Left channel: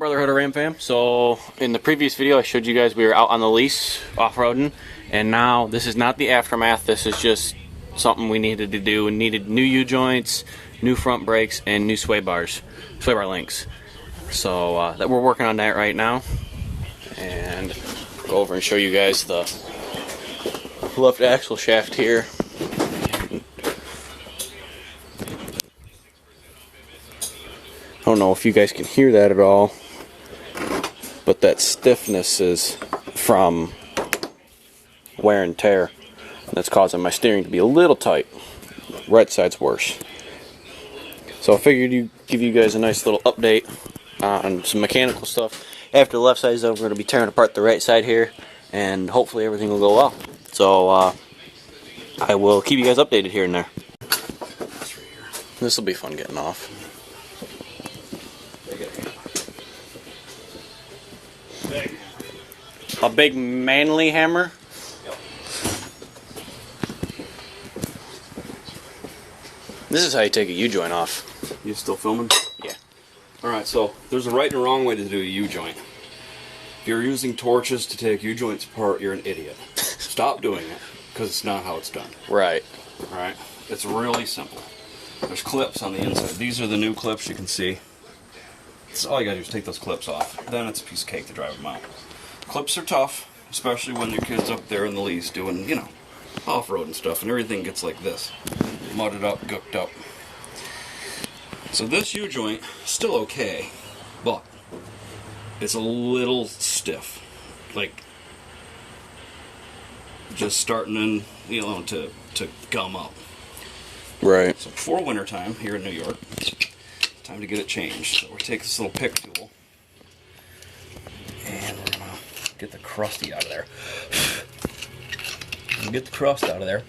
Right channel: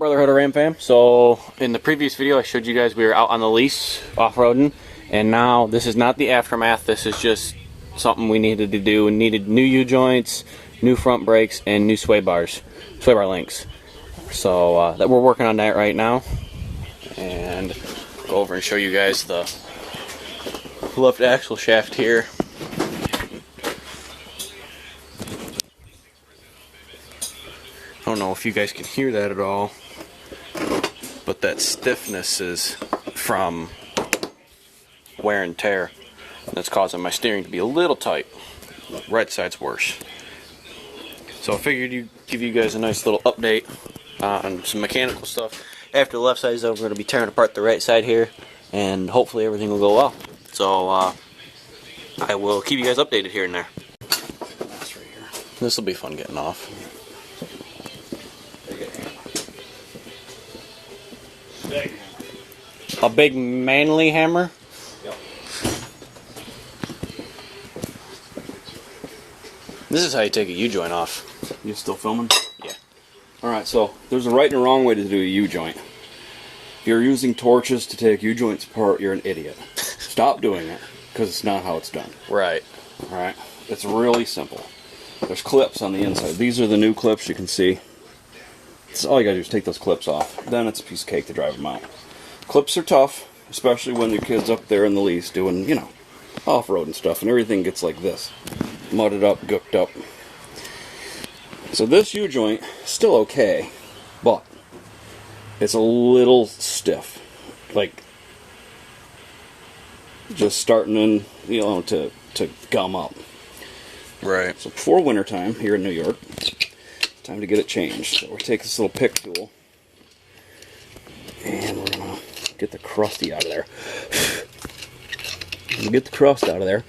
Brotherhood of Ram Fam? So in the previous video I showed you guys we were out on the lease off-roading, and now this is not the aftermath. This is just something we needed to do and needed new U-joints, new front brakes, and new sway bar links. So that we're working on that right now, and go over and show you guys the left axle shaft here. I don't know if you guys can hear that at all, but that stiffness is from wear and tear. That's causing my steering to be a little tight. Right side's worse. So I figured I'd give you guys a nice little update on some mechanical stuff. After the left side is over, we're going to be tearing apart the right side here, and hopefully everything will go well. So I will keep you guys updated here and there. This will be fun getting off. A big manly hammer? Yep. This is how you take a U-joint off. You still filming? Yeah. Alright, so there's a right and a wrong way to do a U-joint. If you're using torches to take U-joints apart, you're an idiot. Stop doing it, because it's not how it's done. Right. Alright? It's really simple. There's clips on the inside. These are the new clips you can see. So all you gotta do is take those clips off. Then it's a piece of cake to drive them out. Clips are tough, especially when your kid's up there in the lease doing, you know, off-road and stuff, and everything gets like this. Mudded up, gooked up. So this U-joint is still okay, but it's a little stiff. Like, just starting in, you know, to gum up. Right. So before wintertime here in New York, time to get it changed. So we'll take this little pick tool, and we're going to get the crusty out of there. When you get the crust out of there,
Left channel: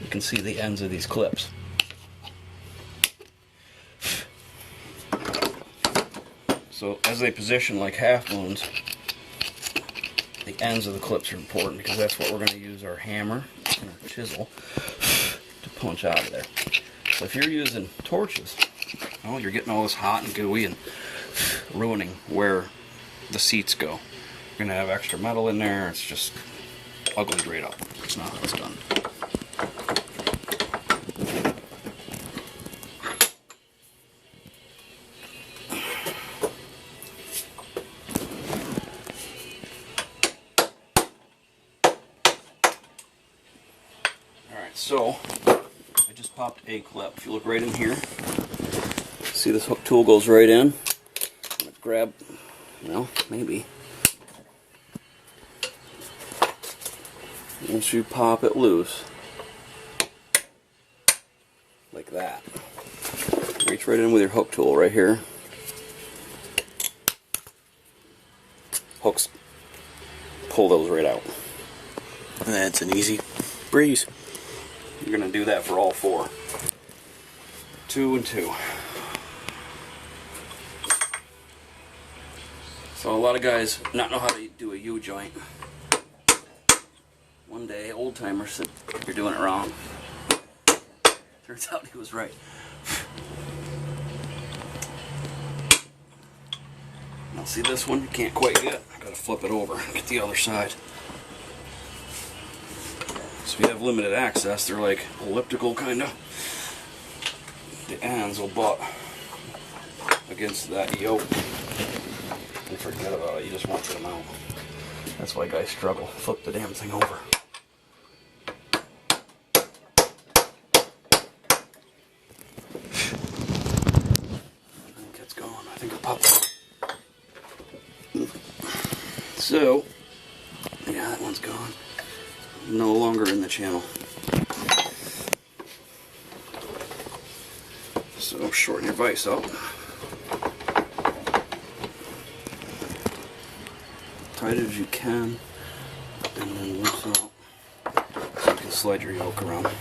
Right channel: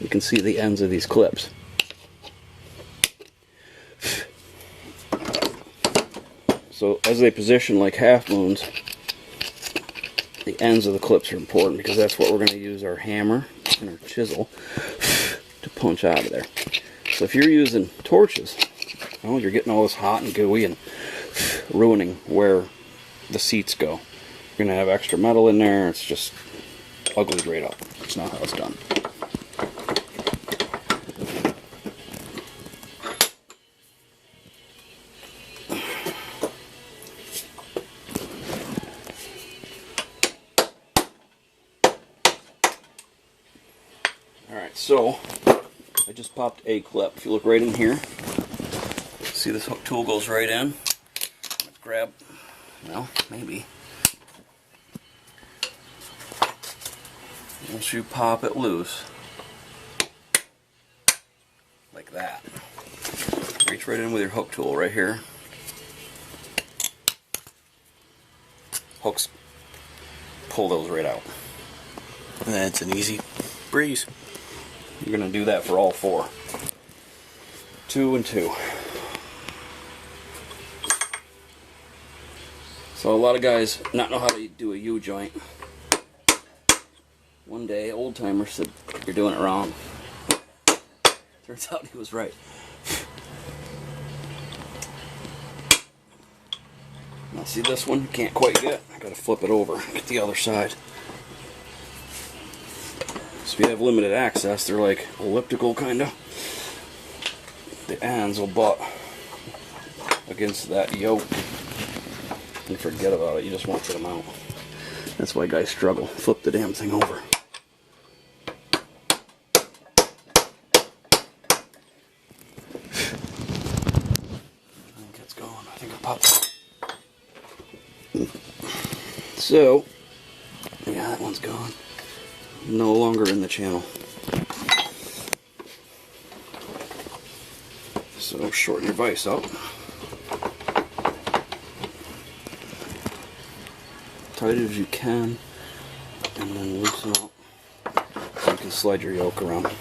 you can see the ends of these clips. So as they position like half moons, the ends of the clips are important because that's what we're going to use our hammer and our chisel to punch out of there. So if you're using torches, oh, you're getting all this hot and gooey and ruining where the seats go. You're going to have extra metal in there. It's just ugly right up. It's not how it's done. Alright, so I just popped a clip. If you look right in here, see this hook tool goes right in. Let's grab, well, maybe. Once you pop it loose, like that, reach right in with your hook tool right here. Hooks, pull those right out. And that's an easy breeze. You're going to do that for all four. 2 and 2. So a lot of guys not know how to do a U-joint. One day, old timer said, "You're doing it wrong." Turns out he was right. Now see this one? Can't quite get. I've got to flip it over. Get the other side. So if you have limited access, they're like elliptical kind of. The ends will butt against that yoke. And forget about it. You just won't get them out. That's why guys struggle. Flip the damn thing over. I think it's gone. I think it popped. So, yeah, that one's gone. No longer in the channel. So shorten your vise up. Tight as you can, and then loose out. So you can slide your yoke around. It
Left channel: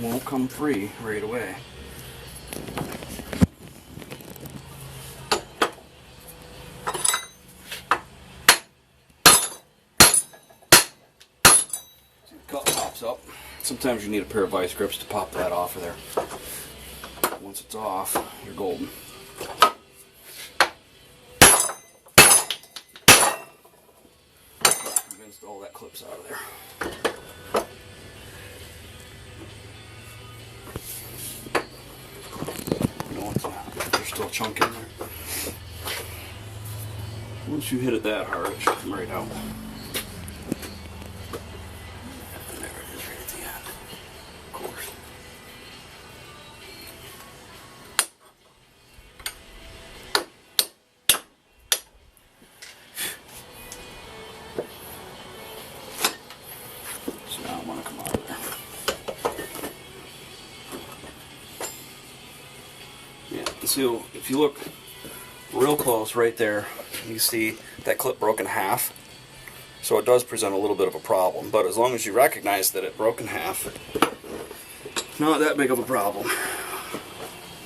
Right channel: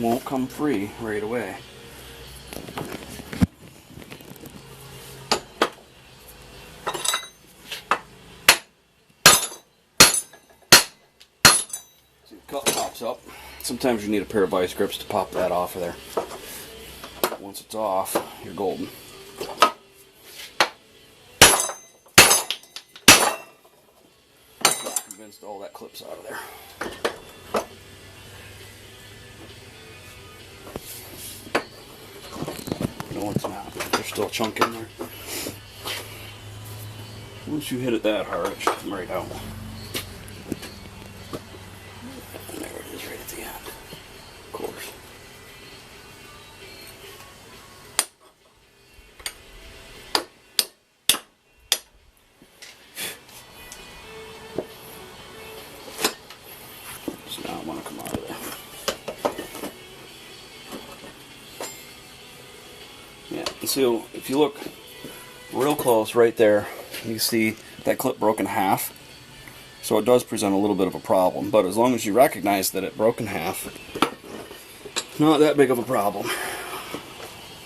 won't come free right away. cup pops up. Sometimes you need a pair of vice grips to pop that off of there. Once it's off, you're golden. I'm convinced all that clip's out of there. No, it's not. There's still a chunk in there. Once you hit it that hard, it should come right out. There it is, right at the end. Of course. So now I want to come out of there. Yeah, so if you look real close right there, you see that clip broke in half. So it does present a little bit of a problem, but as long as you recognize that it broke in half, not that big of a problem.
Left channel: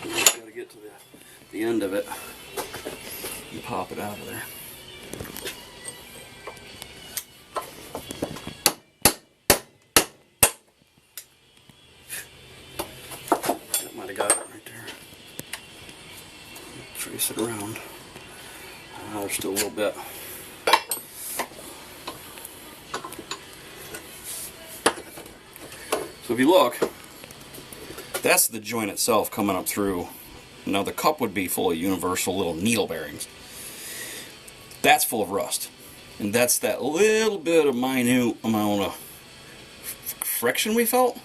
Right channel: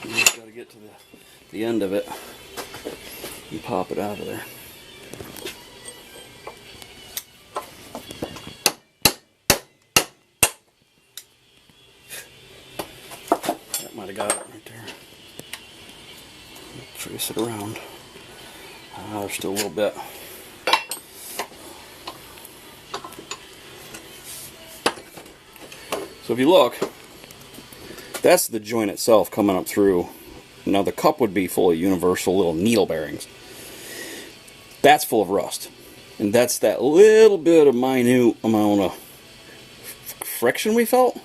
You just got to get to the end of it and pop it out of there. That might have got it right there. Trace it around. There's still a little bit. So if you look, that's the joint itself coming up through. Now the cup would be full of universal little needle bearings. That's full of rust. And that's that little bit of minute amount of friction we felt.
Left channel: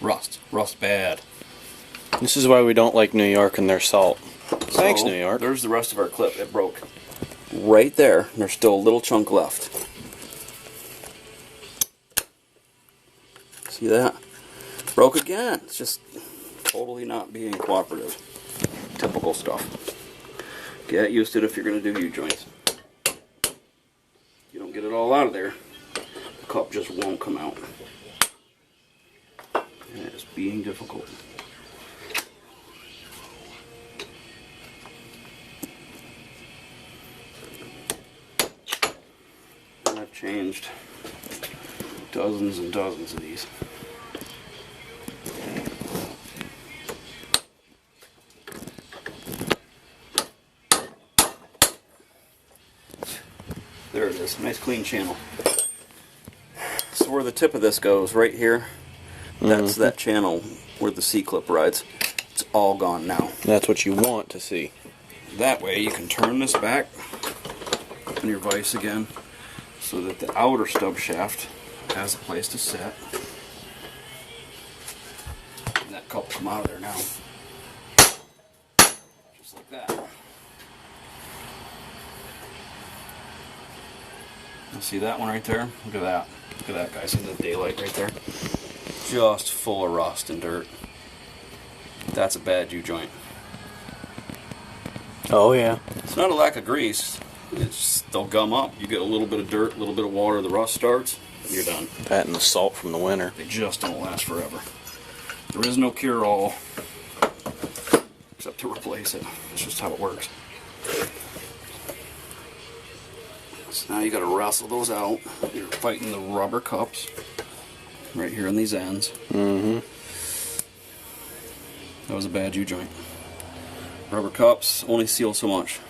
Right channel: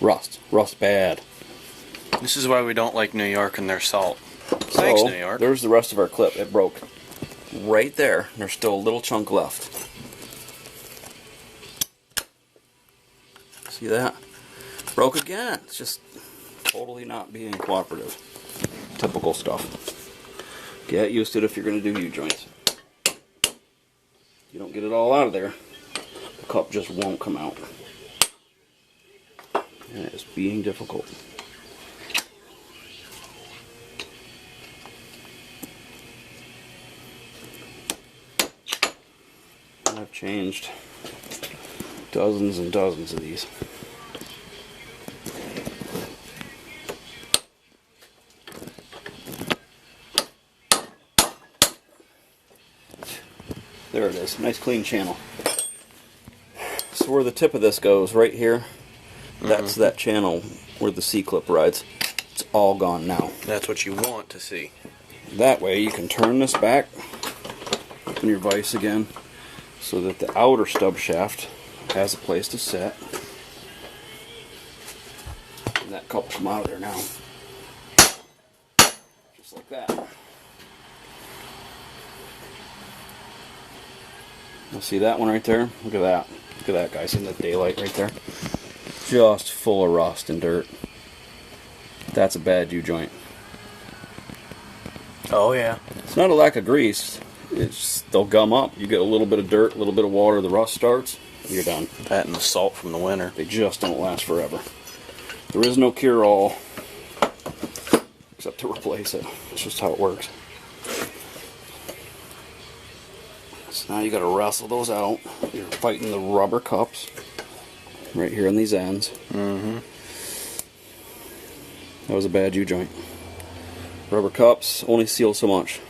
Rust. Rust bad. This is why we don't like New York and their salt. Thanks, New York. There's the rest of our clip. It broke right there. There's still a little chunk left. See that? Broke again. It's just totally not being cooperative. Typical stuff. Get used to it if you're going to do U-joints. You don't get it all out of there, the cup just won't come out. And it's being difficult. I've changed dozens and dozens of these. There it is, nice clean channel. So where the tip of this goes, right here, that's that channel where the C-clip rides. It's all gone now. That's what you want to see. That way you can turn this back, open your vise again, so that the outer stub shaft has a place to set. And that cup will come out of there now. Just like that. You see that one right there? Look at that. Look at that, guys, in the daylight right there. Just full of rust and dirt. That's a bad U-joint. Oh, yeah. It's not a lack of grease. It's, they'll gum up. You get a little bit of dirt, a little bit of water, the rust starts, and you're done. That and the salt from the winter. They just don't last forever. There is no cure-all except to replace it. It's just how it works. So now you got to wrestle those out. You're fighting the rubber cups right here on these ends. Mm-hmm. That was a bad U-joint. Rubber cups only seal so much.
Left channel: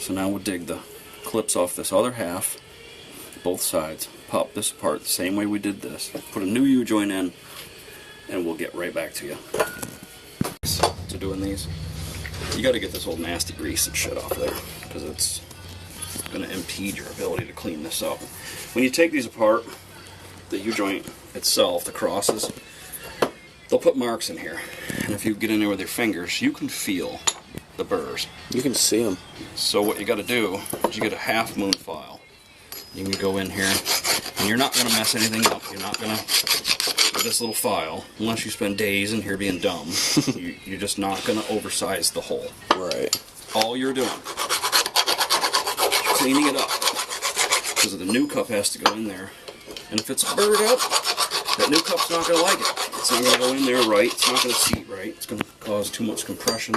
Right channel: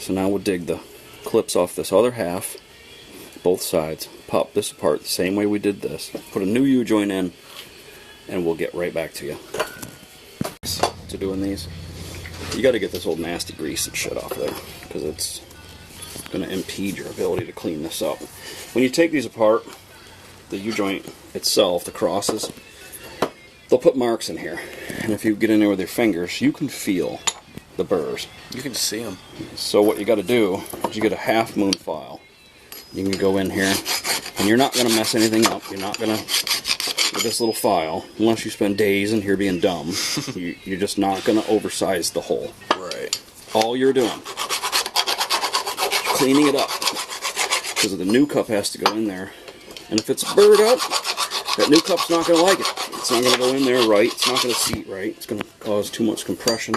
So now we'll dig the clips off this other half, both sides, pop this apart the same way we did this, put a new U-joint in, and we'll get right back to you. So doing these, you got to get this old nasty grease and shit off there, because it's going to impede your ability to clean this up. When you take these apart, the U-joint itself, the crosses, they'll put marks in here. And if you get in there with your fingers, you can feel the burrs. You can see them. So what you got to do is you get a half moon file. You can go in here, and you're not going to mess anything up. You're not going to, with this little file, unless you spend days in here being dumb, you're just not going to oversize the hole. Right. All you're doing, cleaning it up, because the new cup has to go in there. And if it's burred up, that new cup's not going to like it. It's not going to go in there right. It's not going to seat right. It's going to cause too much compression.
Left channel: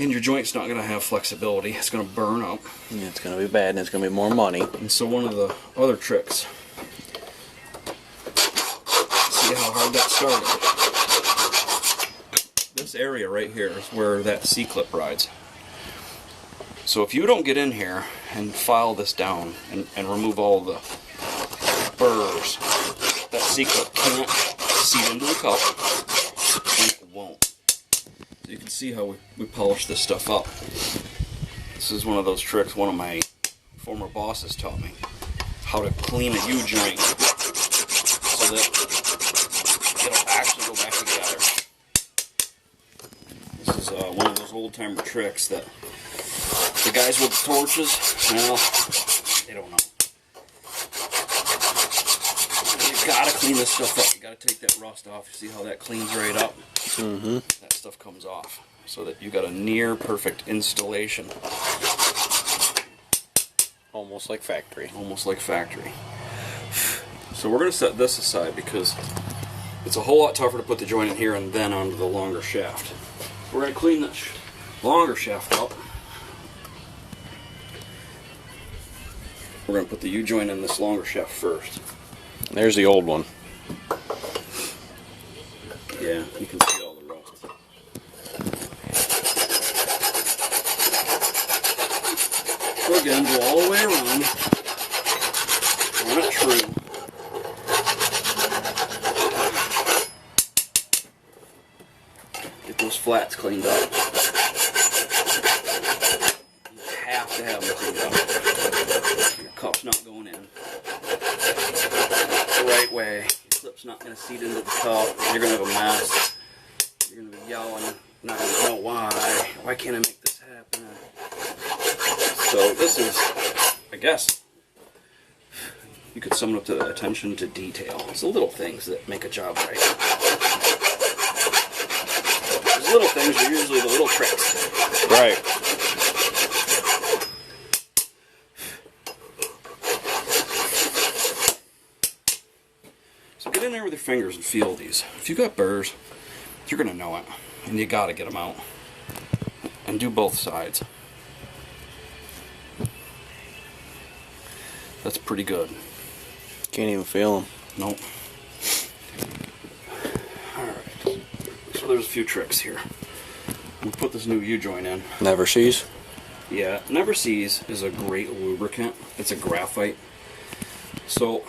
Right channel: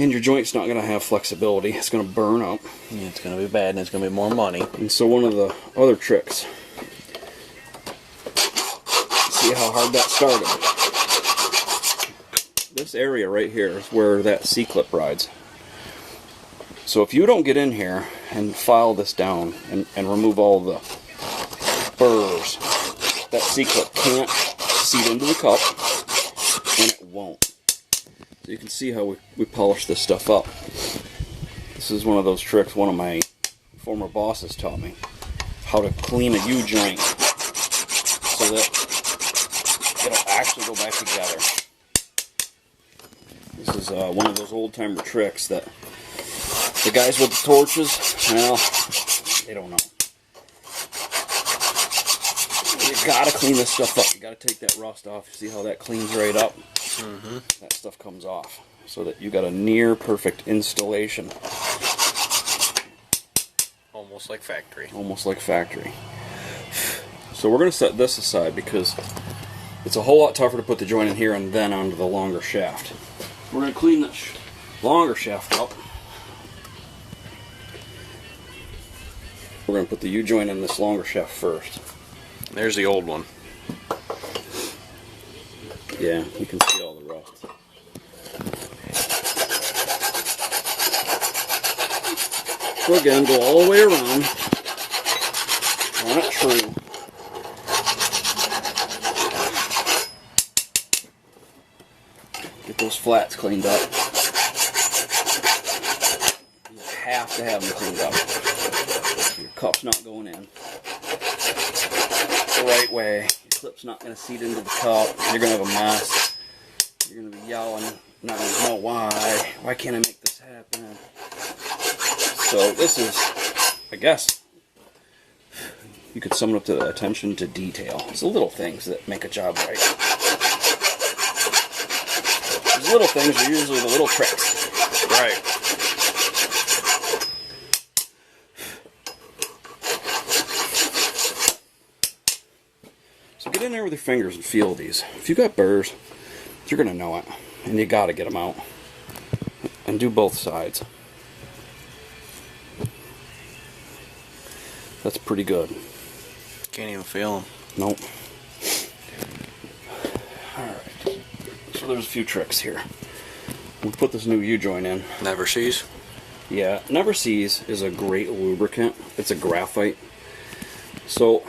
And your joint's not going to have flexibility. It's going to burn up. Yeah, it's going to be bad, and it's going to be more money. And so one of the other tricks how hard that started. This area right here is where that C-clip rides. So if you don't get in here and file this down and remove all the burrs, that C-clip can't seat into the cup, and it won't. So you can see how we polish this stuff up. This is one of those tricks one of my former bosses taught me. How to clean a U-joint so that it'll actually go back together. This is one of those old-timer tricks that the guys with the torches, well, they don't know. You gotta clean this stuff up. You gotta take that rust off. See how that cleans right up? Mm-hmm. That stuff comes off so that you got a near perfect installation. Almost like factory. Almost like factory. So we're gonna set this aside because it's a whole lot tougher to put the joint in here and then onto the longer shaft. We're gonna clean this longer shaft up. We're going to put the U-joint in this longer shaft first. There's the old one. Yeah, you can see all the rust. So again, go all the way around. Run it true. Get those flats cleaned up. You have to have them cleaned up. Your cup's not going in the right way. Your clip's not going to seat into the cup. You're going to have a mess. You're going to be yelling. Not going to know why. Why can't I make this happen? So this is, I guess, you could sum it up to the attention to detail. It's the little things that make a job right. These little things are usually the little tricks. Right. So get in there with your fingers and feel these. If you got burrs, you're going to know it. And you got to get them out. And do both sides. That's pretty good. Can't even feel them. Nope. Alright. So there's a few tricks here. We'll put this new U-joint in. Never sees. Yeah, Never Sees is a great lubricant. It's a graphite. So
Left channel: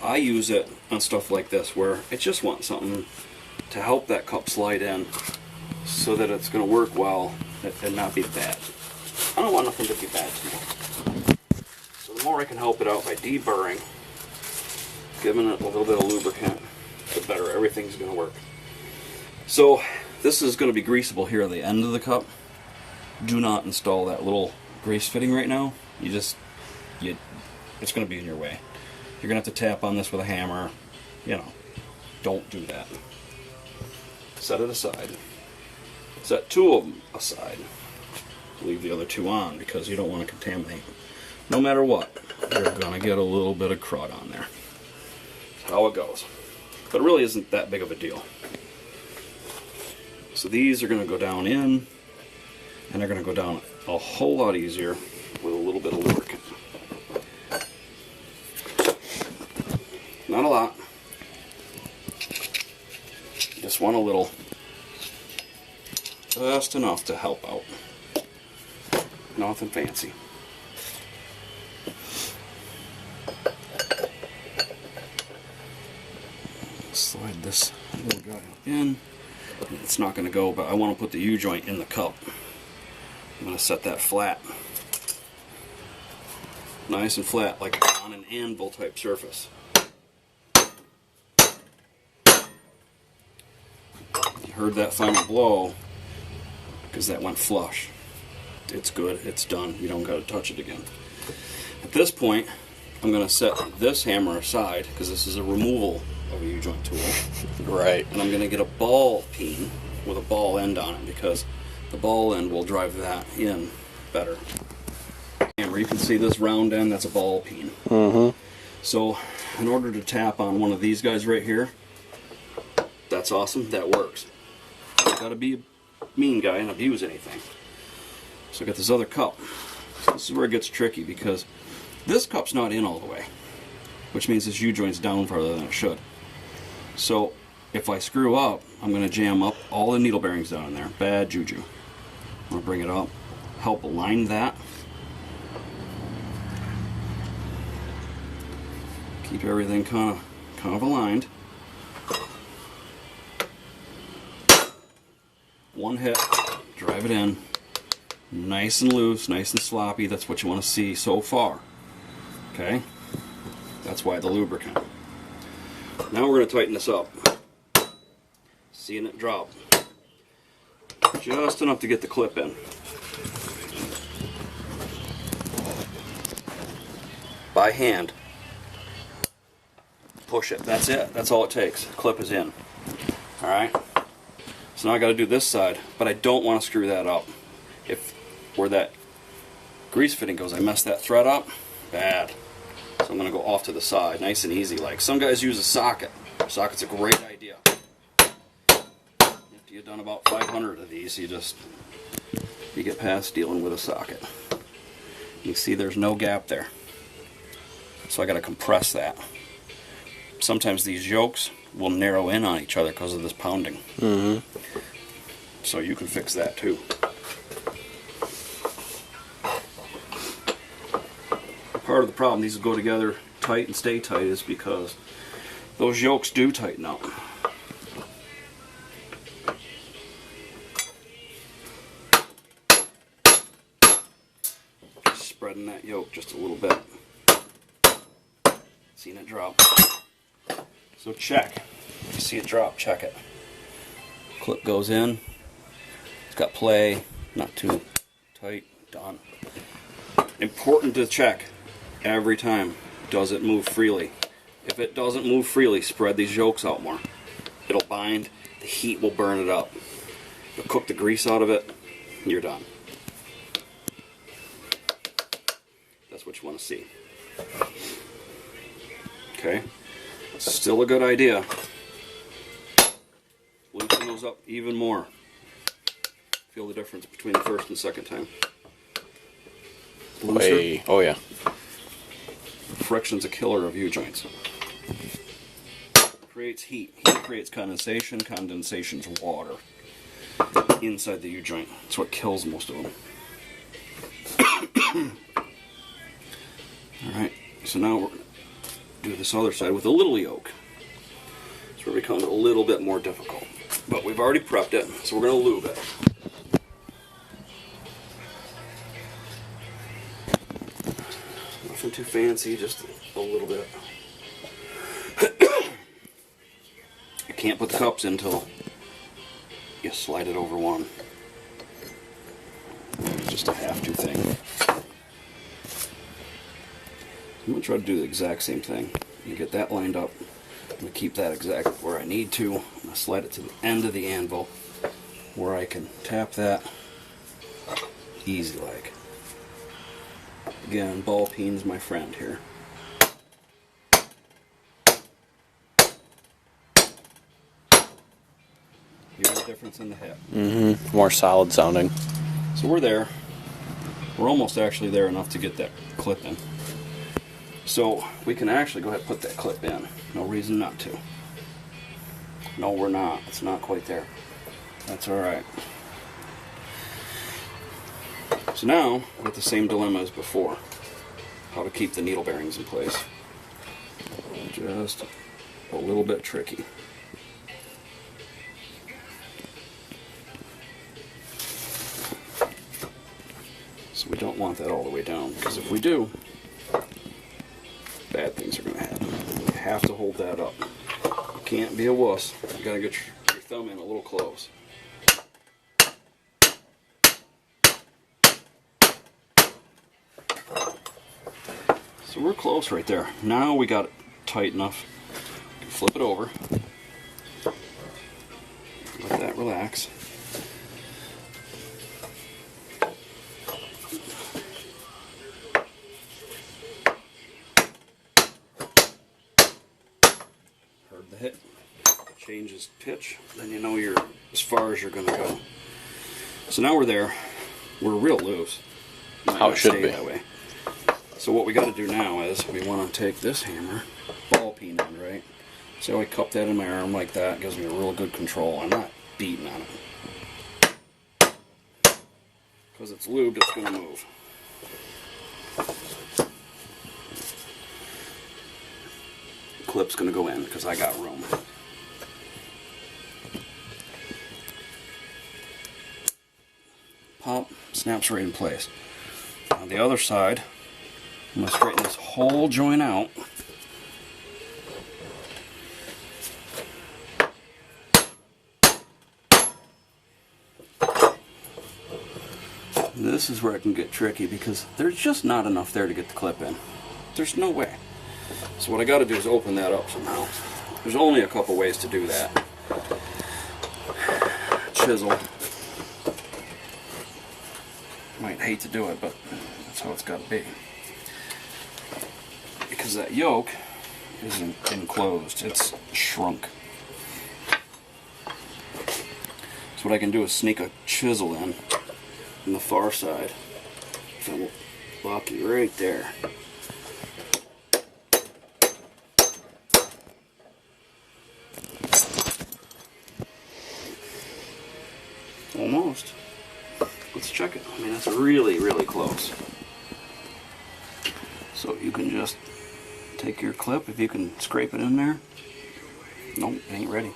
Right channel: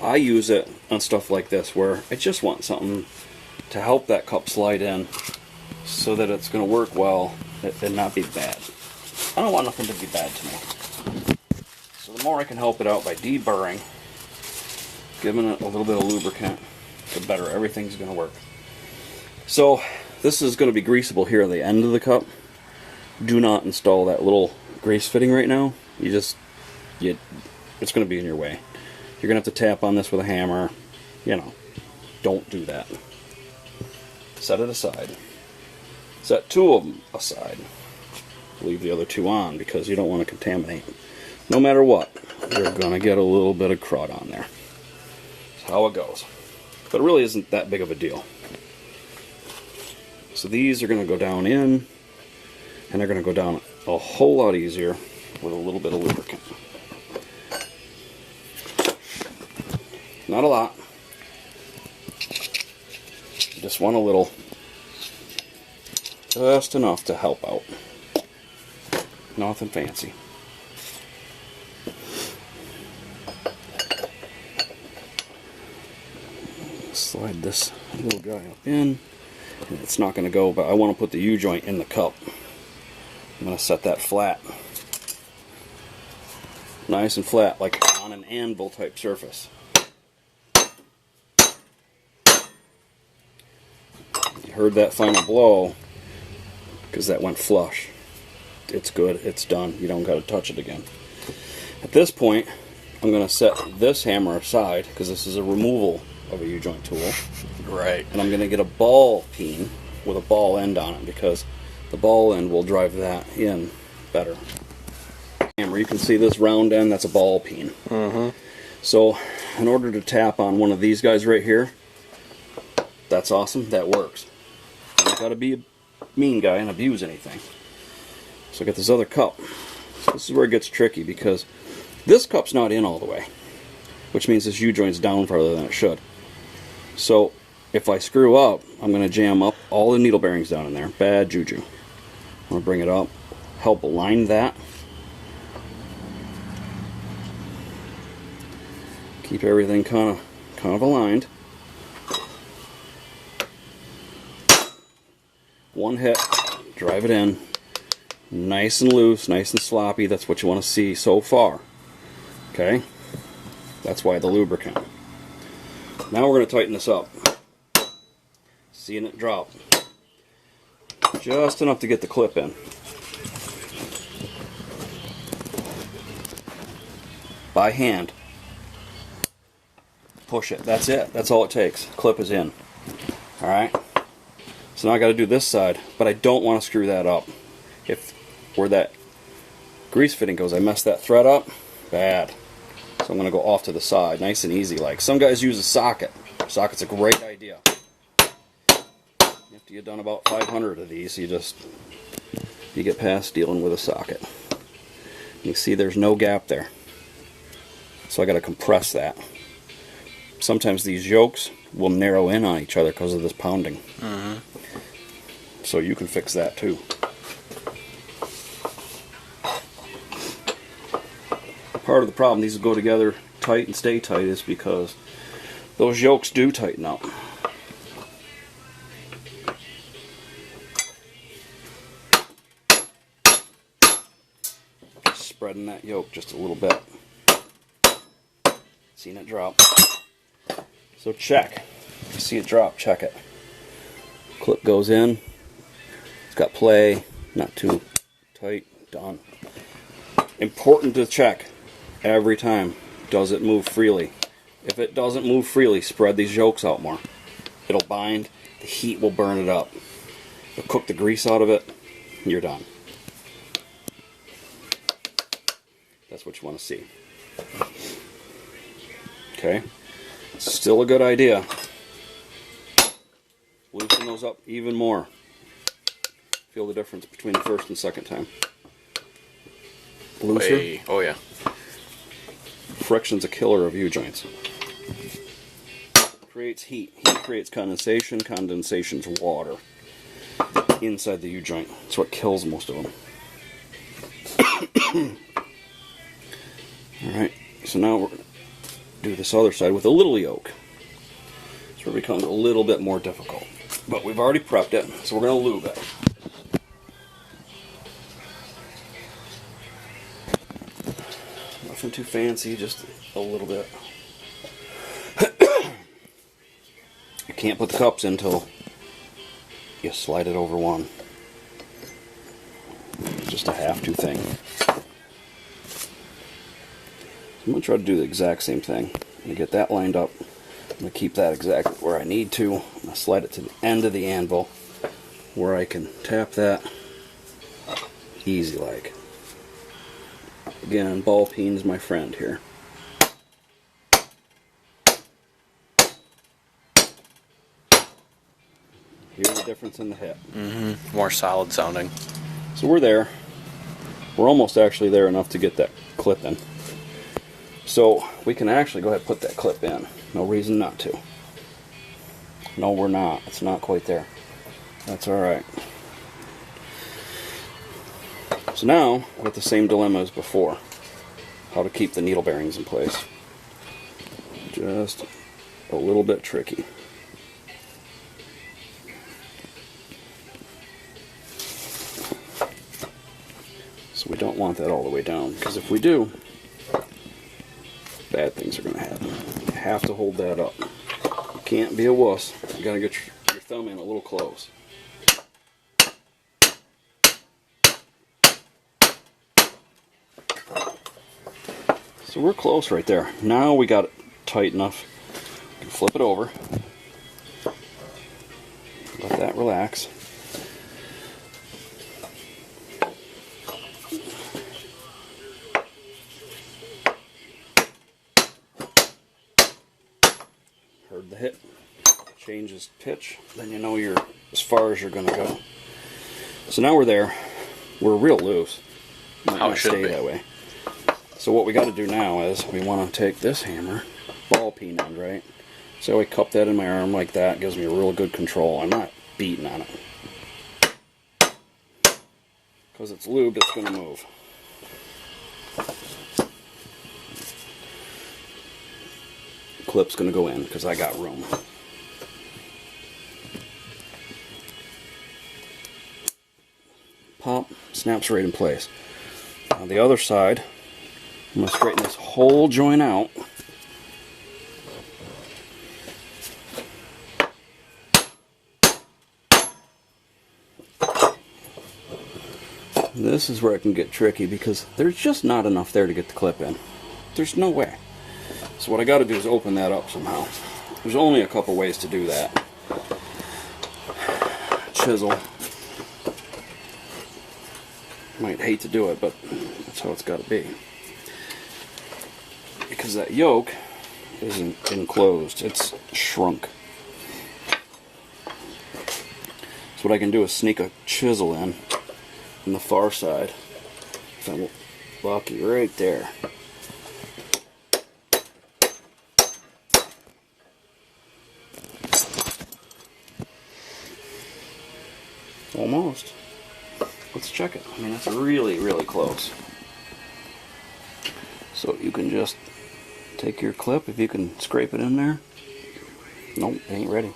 I use it on stuff like this where I just want something to help that cup slide in so that it's going to work well and not be bad. I don't want nothing to be bad to me. So the more I can help it out by deburring, giving it a little bit of lubricant, the better everything's going to work. So this is going to be greasable here at the end of the cup. Do not install that little grease fitting right now. It's going to be in your way. You're going to have to tap on this with a hammer. Don't do that. Set it aside. Set two of them aside. Leave the other two on because you don't want to contaminate. No matter what, you're going to get a little bit of crud on there. That's how it goes. But it really isn't that big of a deal. So these are going to go down in, and they're going to go down a whole lot easier with a little bit of lubricant. Not a lot. Just want a little. Just enough to help out. Nothing fancy. Slide this little guy up in. It's not going to go, but I want to put the U-joint in the cup. I'm going to set that flat. Nice and flat, like on an anvil type surface. You heard that final blow because that went flush. It's good, it's done. You don't got to touch it again. At this point, I'm going to set this hammer aside because this is a removal of a U-joint tool. Right. And I'm going to get a ball peen with a ball end on it because the ball end will drive that in better. Hammer, you can see this round end, that's a ball peen. Mm-hmm. So in order to tap on one of these guys right here, that's awesome, that works. You gotta be a mean guy and abuse anything. So I got this other cup. So this is where it gets tricky because this cup's not in all the way, which means this U-joint's down farther than it should. So if I screw up, I'm going to jam up all the needle bearings down in there. Bad juju. I'm going to bring it up, help align that. Keep everything kind of aligned. One hit, drive it in. Nice and loose, nice and sloppy. That's what you want to see so far. Okay? That's why the lubricant. Now we're going to tighten this up. Seeing it drop. Just enough to get the clip in. By hand. Push it. That's it. That's all it takes. Clip is in. Alright? So now I got to do this side, but I don't want to screw that up. If where that grease fitting goes, I mess that thread up, bad. So I'm going to go off to the side, nice and easy. Like some guys use a socket. Socket's a great idea. After you've done about 500 of these, you get past dealing with a socket. You see there's no gap there. So I got to compress that. Sometimes these yokes will narrow in on each other because of this pounding. So you can fix that too. Part of the problem these go together tight and stay tight is because those yokes do tighten up. Spreading that yoke just a little bit. Seeing it drop. So check. See it drop, check it. Clip goes in. It's got play, not too tight, done. Important to check every time. Does it move freely? If it doesn't move freely, spread these yokes out more. It'll bind, the heat will burn it up. It'll cook the grease out of it, you're done. That's what you want to see. Okay? Still a good idea. Loosen those up even more. Feel the difference between the first and second time. Looser. Hey. Oh yeah. Friction's a killer of U-joints. Creates heat. Heat creates condensation. Condensation's water inside the U-joint. That's what kills most of them. Alright, so now we're going to do this other side with a little yoke. So it becomes a little bit more difficult. But we've already prepped it, so we're going to lube it. Nothing too fancy, just a little bit. You can't put the cups in until you slide it over one. It's just a have-to thing. I'm going to try to do the exact same thing. You get that lined up. I'm going to keep that exactly where I need to. I'm going to slide it to the end of the anvil where I can tap that easy like. Again, ball peen's my friend here. Hear the difference in the hit. More solid sounding. So we're there. We're almost actually there enough to get that clip in. So we can actually go ahead and put that clip in. No reason not to. No, we're not. It's not quite there. That's alright. So now, we're at the same dilemma as before. How to keep the needle bearings in place. Just a little bit tricky. So we don't want that all the way down, because if we do, bad things are going to happen. You have to hold that up. You can't be a wuss. You got to get your thumb in a little close. So we're close right there. Now we got it tight enough. You can flip it over. Let that relax. Heard the hit. Changes pitch. Then you know you're as far as you're going to go. So now we're there. We're real loose. How it should be. That way. So what we got to do now is we want to take this hammer, ball peen end, right? So I cup that in my arm like that. It gives me a real good control. I'm not beating on it. Because it's lube, it's going to move. Clip's going to go in because I got room. Pop, snaps right in place. On the other side, I'm going to straighten this whole joint out. This is where it can get tricky because there's just not enough there to get the clip in. There's no way. So what I got to do is open that up somehow. There's only a couple ways to do that. Chisel. Might hate to do it, but that's how it's got to be. Because that yoke isn't enclosed, it's shrunk. So what I can do is sneak a chisel in on the far side. So we'll lock you right there. Almost. Let's check it. I mean, that's really, really close. So you can just take your clip, if you can scrape it in there. Nope, it ain't ready.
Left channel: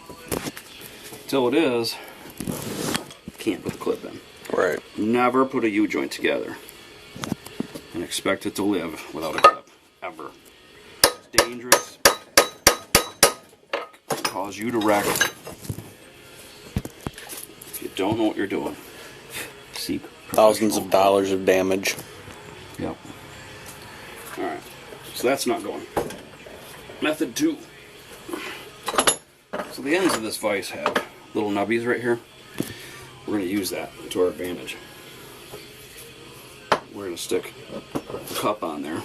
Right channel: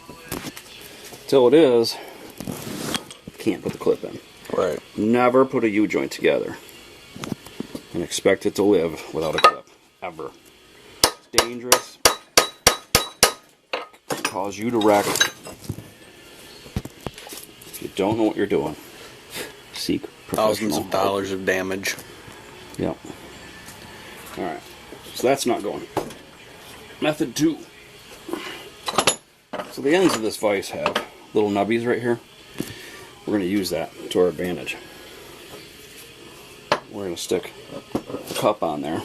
Till it is, can't put the clip in. Right. Never put a U-joint together and expect it to live without a clip. Ever. It's dangerous. It can cause you to wreck. If you don't know what you're doing, seek Thousands of dollars of damage. Yep. Alright. So that's not going. Method 2. So the ends of this vise have little nubbies right here. We're going to use that to our advantage. We're going to stick a cup on there.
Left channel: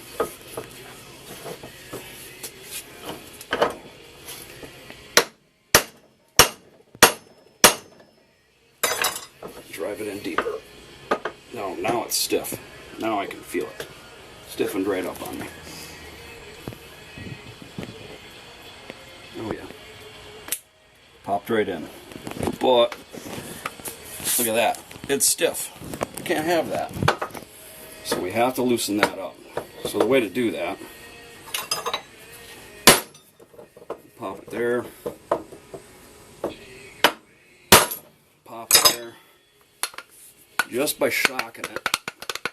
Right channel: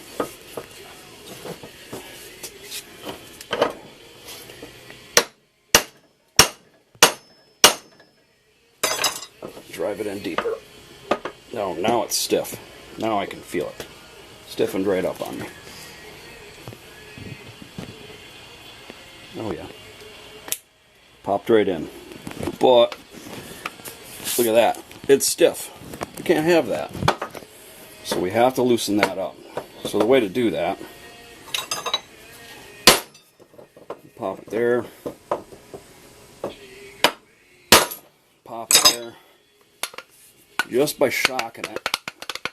Drive it in deeper. No, now it's stiff. Now I can feel it. Stiffened right up on me. Oh yeah. Popped right in. But, look at that. It's stiff. You can't have that. So we have to loosen that up. So the way to do that, pop it there. Pop it there. Just by shocking it.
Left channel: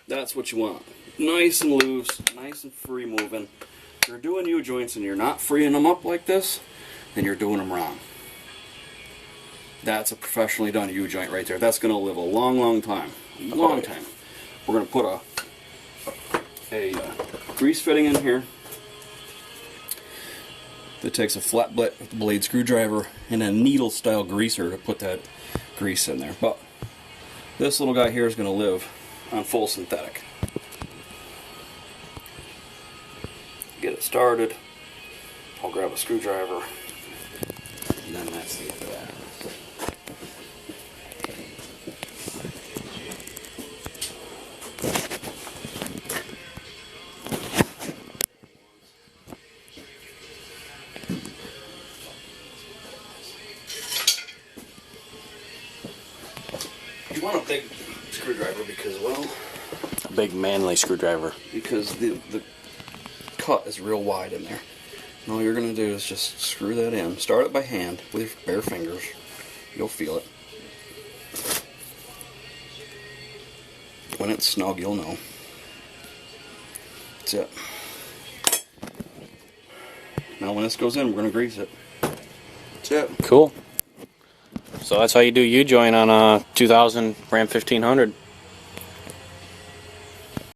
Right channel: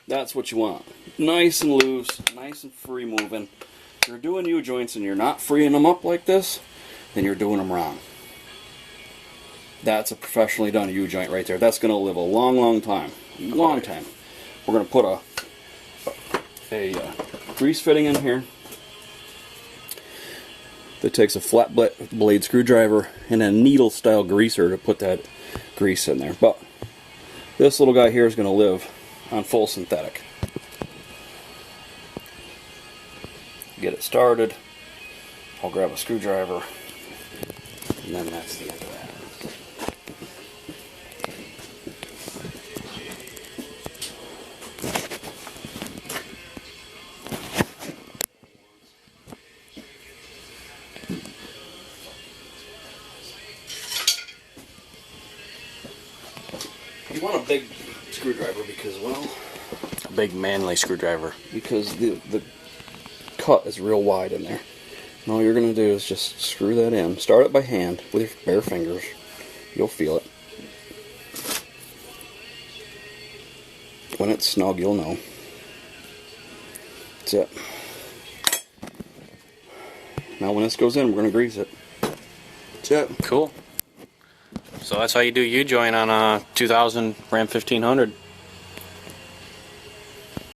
That's what you want. Nice and loose, nice and free moving. If you're doing U-joints and you're not freeing them up like this, then you're doing them wrong. That's a professionally done U-joint right there. That's going to live a long, long time. Long time. We're going to put a grease fitting in here that takes a flat blade screwdriver and a needle style greaser to put that grease in there. But this little guy here is going to live on full synthetic. Get it started. I'll grab a screwdriver, and then that's the end of that. You want a big screwdriver because, well, A big manly screwdriver. because the cut is real wide in there. And all you're going to do is just screw that in. Start it by hand with your bare fingers. You'll feel it. When it's snug, you'll know. That's it. Now when this goes in, we're going to grease it. That's it. Cool. So that's how you do U-joint on a 2000 Ram 1500.